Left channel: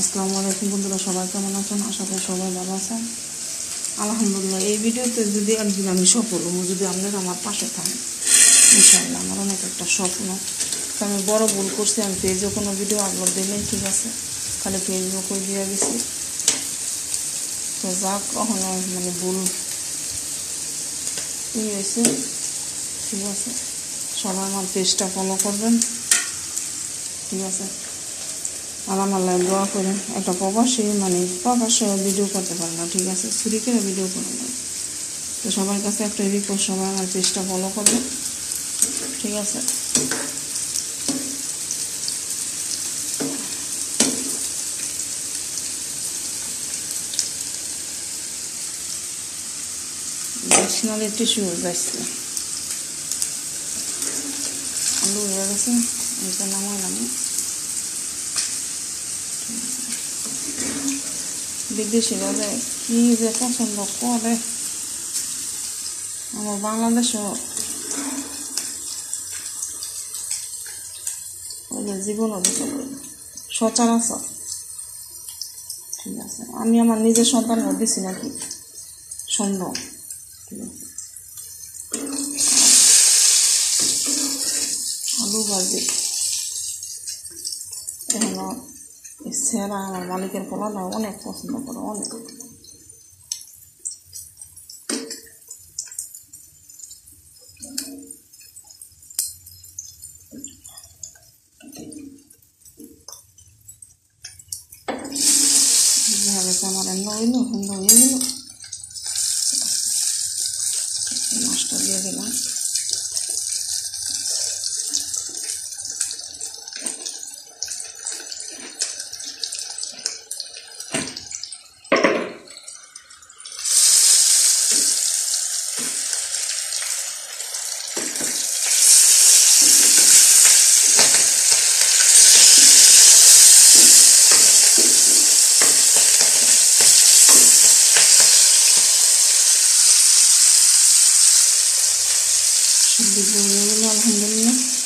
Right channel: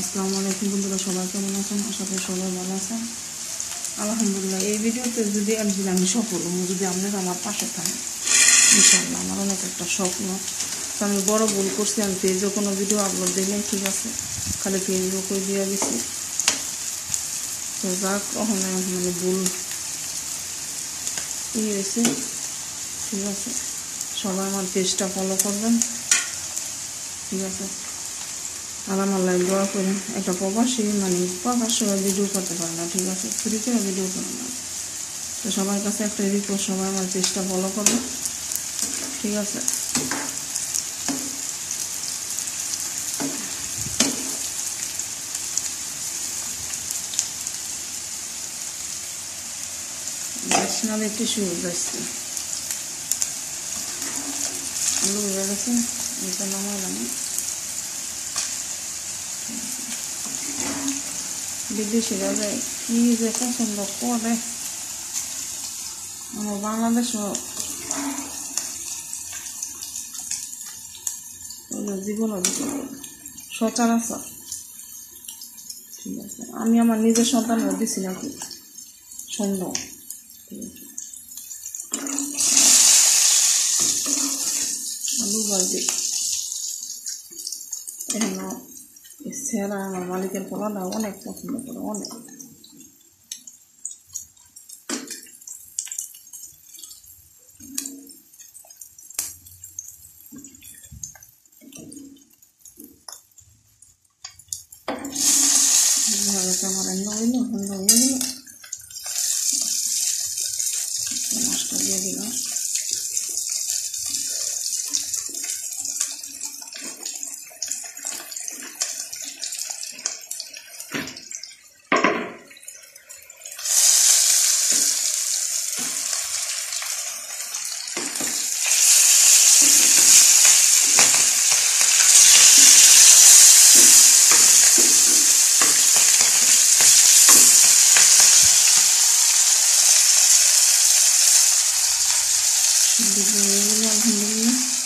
আসসালামু আলাইকুম বন্ধুরা, সবাই কেমন আছেন? আশা করি সবাই ভালো আছেন। আলহামদুলিল্লাহ। এই ভিডিওতে যদি একদিন আমি সফল হবো, যদি আপনারা আমার পাশে থাকেন, ইনশাআল্লাহ। আমার অনেক একটা স্বপ্ন। তো আমি বড় ভুল করছি, আমি পেজে কোনো ভিডিও আপলোড দিলেন, ঠিক আছে, খালি ফেসবুকে দিয়ে গেছি। তো যাক, ওখানে মানে ভুল হয়েছে, ঠিক আছে। সবাই আমার পেজটা ফলো করবেন, ঠিক আছে। আমার আল্লাহ দোয়া করেন। একটা প্রবাসী মানে প্রবাসে ভিডিও করতে পারে না, ঠিক আছে, ছুরি করে ভিডিও করে না। তো সবার কাছে একটা রিকোয়েস্ট, সবাই আমার পেজটা ফলো করবে, ঠিক আছে। ন্যাশনাল টিস্যু যাচ্ছে, আলু হয়ে গেছে, এটা নামালাম। বিদেশিরা যায় কি যে পছন্দ করে, আমার বাংলাদেশও জীবন অধিকার সচরাচর, ঠিক আছে। আমি আমার নিজের সন্তান দিছি নাকি সন্দেহ, ঠিক আছে। আলু ভাজি এখন সেরা আমার মালিকের পোলাটা অনেক পছন্দ করে, অনেক। আমার রান্না হইল, রান্না হয়ে গেল, মাছটা দিয়ে দিলাম। আলহামদুলিল্লাহ।